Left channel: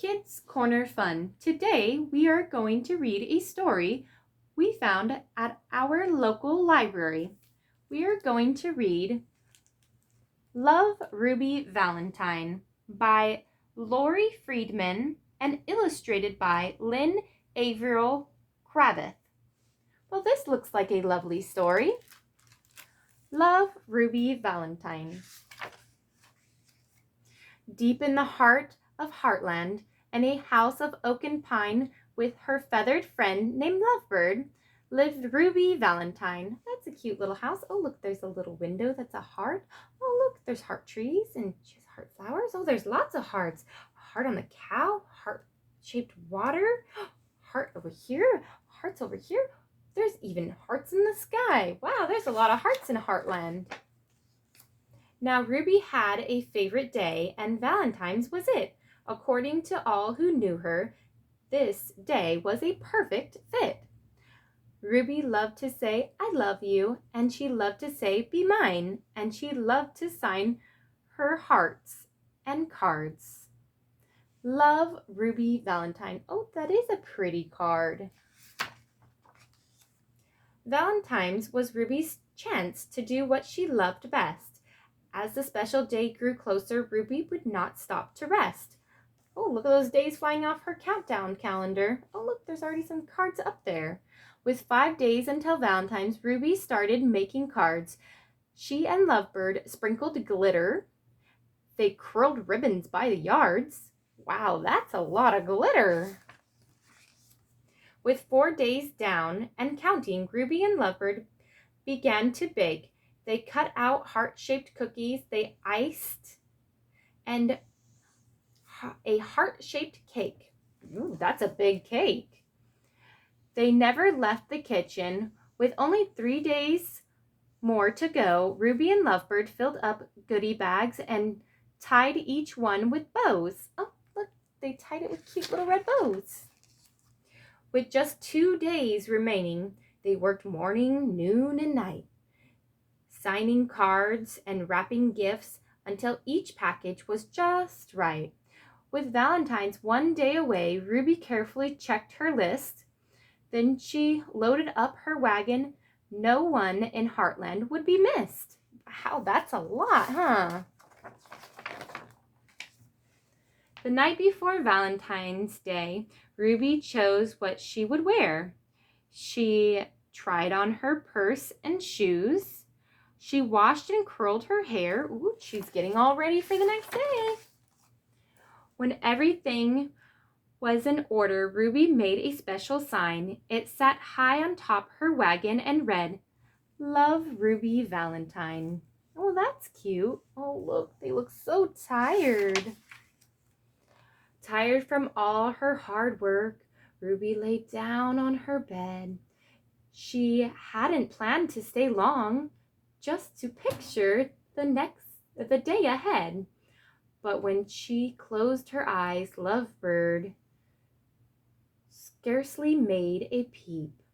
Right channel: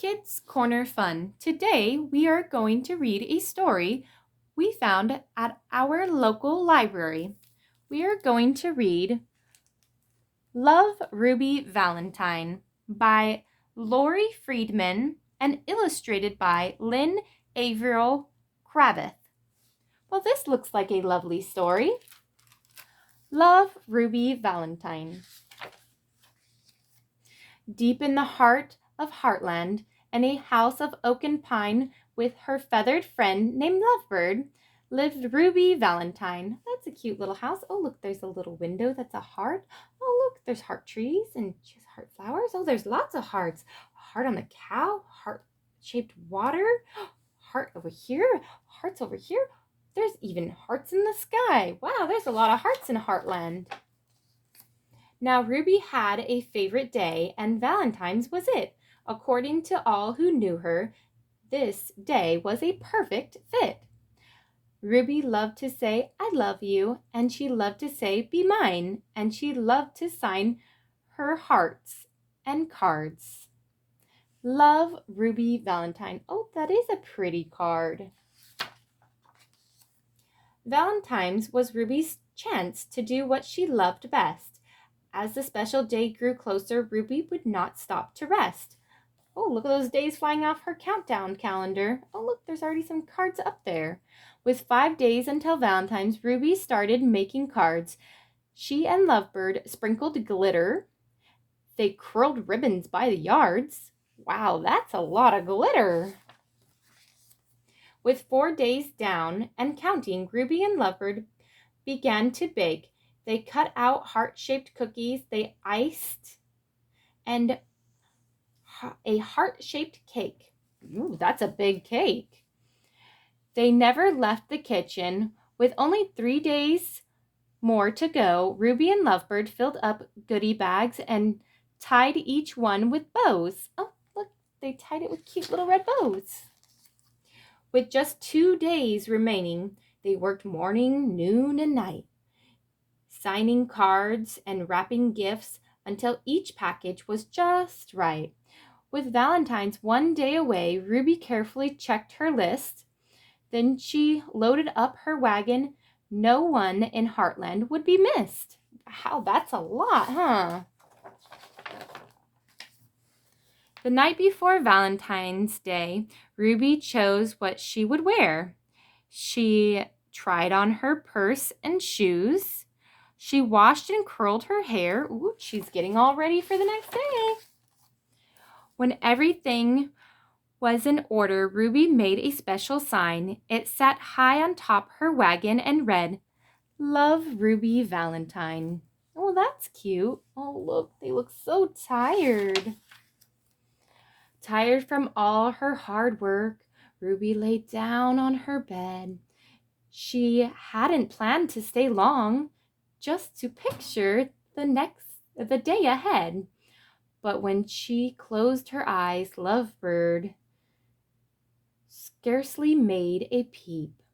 Kids Corner Fun. Today we are going to read a story we found at our local library. We are going to read Love Ruby Valentine by Laurie Friedman and illustrated by Lynne Avril. Well, this looks like a lovely story. Love Ruby Valentine. Deep in the heart of Heartland, in a house of oak and pine with her feathered friend named Lovebird, lived Ruby Valentine. That's a cute little house. Oh, look, there's a little window that's a heart. Oh, look, there's heart trees and she has heart flowers. Oh, there's lots of hearts. A heart on the cow, heart-shaped water, heart over here, hearts over here. There's even hearts in the sky. Wow, there's a lot of hearts in Heartland. Now, Ruby had a favorite day, and Valentine's was it. According to all who knew her, this day was a perfect fit. Ruby loved to say, "I love you," and she loved to say, "Be mine," and she loved to sign her hearts and cards. Love Ruby Valentine. Oh, that is a pretty card. Valentine's was Ruby's chance to do what she loved best. As the special day grew closer, Ruby would not stop to rest. Oh, look at those days flying off her countdown calendar. Oh, look, there's already some cards up there. With 5 days until Valentine's, Ruby started making cards. She and Lovebird sprinkled glitter. They curled ribbons by the yards. Wow, that's a lot of glitter. With 4 days down and counting, Ruby and Lovebird began to bake. They cut out heart-shaped cookies, they iced, and a heart-shaped cake. Ooh, that's a big cake. They never left the kitchen. With only 3 days more to go, Ruby and Lovebird filled up goodie bags and tied each one with bows. Oh, look, they tied it with cute little red bows. With just 2 days remaining, they worked morning, noon, and night, signing cards and wrapping gifts until each package was just right. With Valentine's 1 day away, Ruby carefully checked her list. Then she loaded up her wagon. No one in Heartland would be missed. Wow, that's a lot, huh? The night before Valentine's Day, Ruby chose what she would wear. She tried on her purse and shoes. She washed and curled her hair. Ooh, she's getting all ready for the next day. When everything was in order, Ruby made a special sign. It sat high on top her wagon and read, "Love Ruby Valentine." Oh, that's cute. Oh, look, they look so tired. Tired from all her hard work, Ruby lay down on her bed. She hadn't planned to stay long, just to picture the day ahead. But when she closed her eyes, Lovebird scarcely made a peep.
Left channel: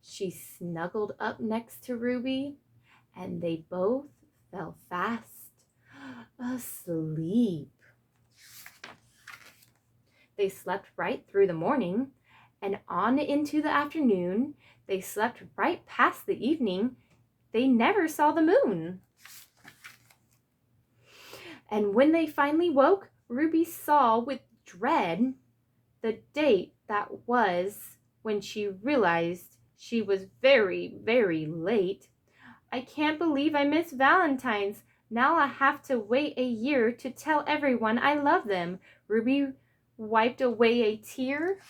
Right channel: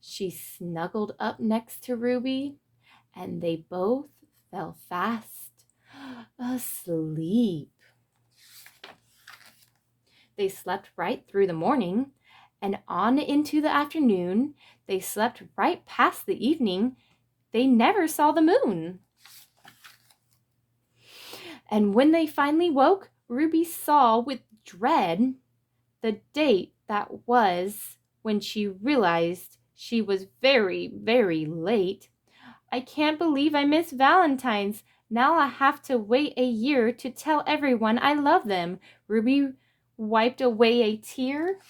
She snuggled up next to Ruby, and they both fell fast asleep. They slept right through the morning, and on into the afternoon. They slept right past the evening. They never saw the moon. And when they finally woke, Ruby saw with dread the date that was when she realized she was very, very late. "I can't believe I missed Valentine's. Now I have to wait a year to tell everyone I love them." Ruby wiped away a tear.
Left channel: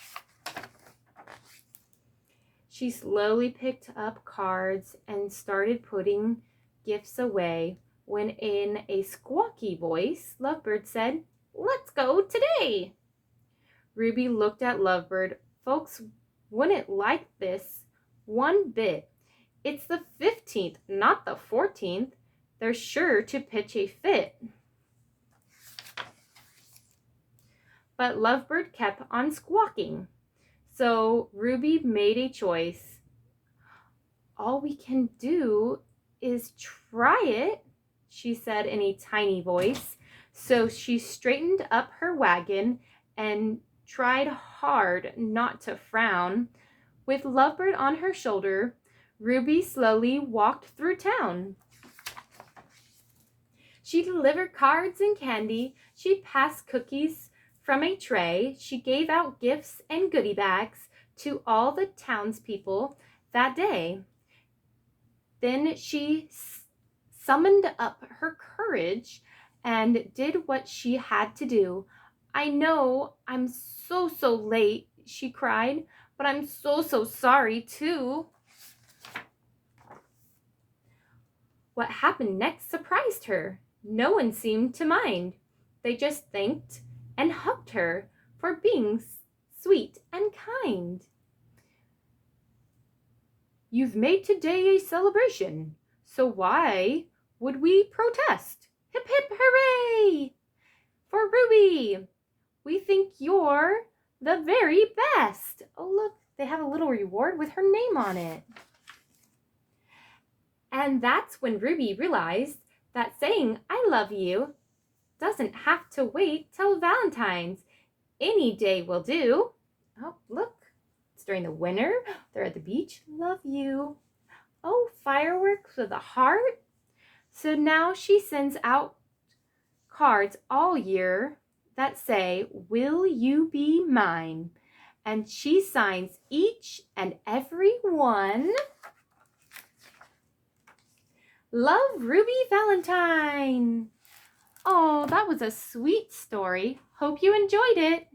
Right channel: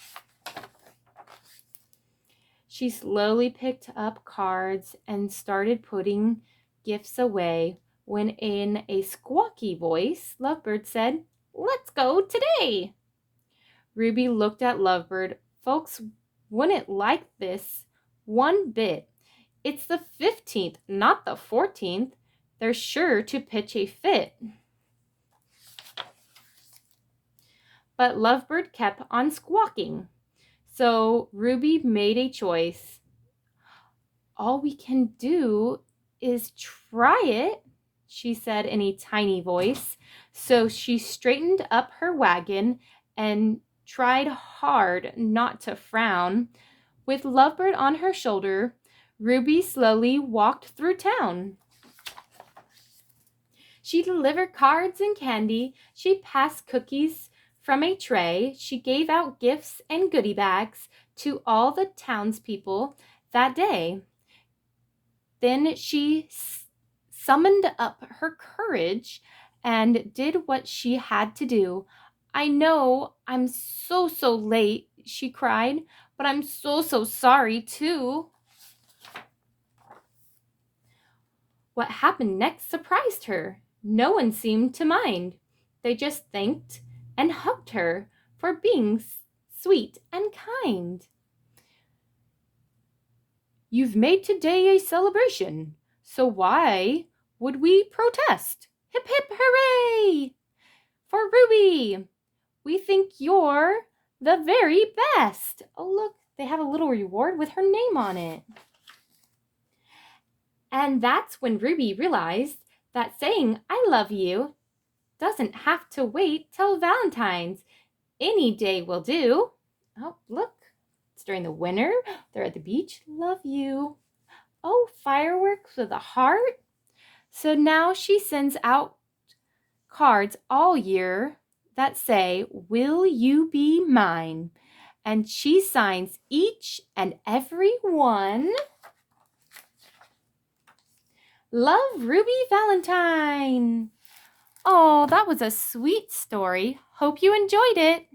She slowly picked up cards and started putting gifts away when in a squawky voice, Lovebird said, "Let's go today." Ruby looked at Lovebird. "Folks wouldn't like this one bit. It's the 15th, not the 14th. They're sure to pitch a fit." But Lovebird kept on squawking. So Ruby made a choice. "All we can do is try it," she said in a tiny voice. So she straightened up her wagon and tried hard not to frown. With Lovebird on her shoulder, Ruby slowly walked through town. She delivered cards and candy. She passed cookies from a tray. She gave out gifts and goodie bags to all the townspeople that day. Then she summoned up her courage and did what she had to do. I know I'm so late, she cried, but I'm so sorry too. What happened next surprised her. No one seemed to mind. They just thanked and hugged her for being sweet and kind. You've made today a celebration, so why would we protest? Hip hip hooray! For Ruby, we think you're the very best. Oh, look, they have a little reward with her name on it. And that's when Ruby realized that saying I love you doesn't have to wait till Valentine's. Any day will do. Oh, look, it's during the winter. They're at the beach. Love you. Oh, fireworks with a heart. So now she sends out cards all year that say, will you be mine? And she signs each and every one. Love, Ruby Valentine. Oh, that was a sweet story. Hope you enjoyed it.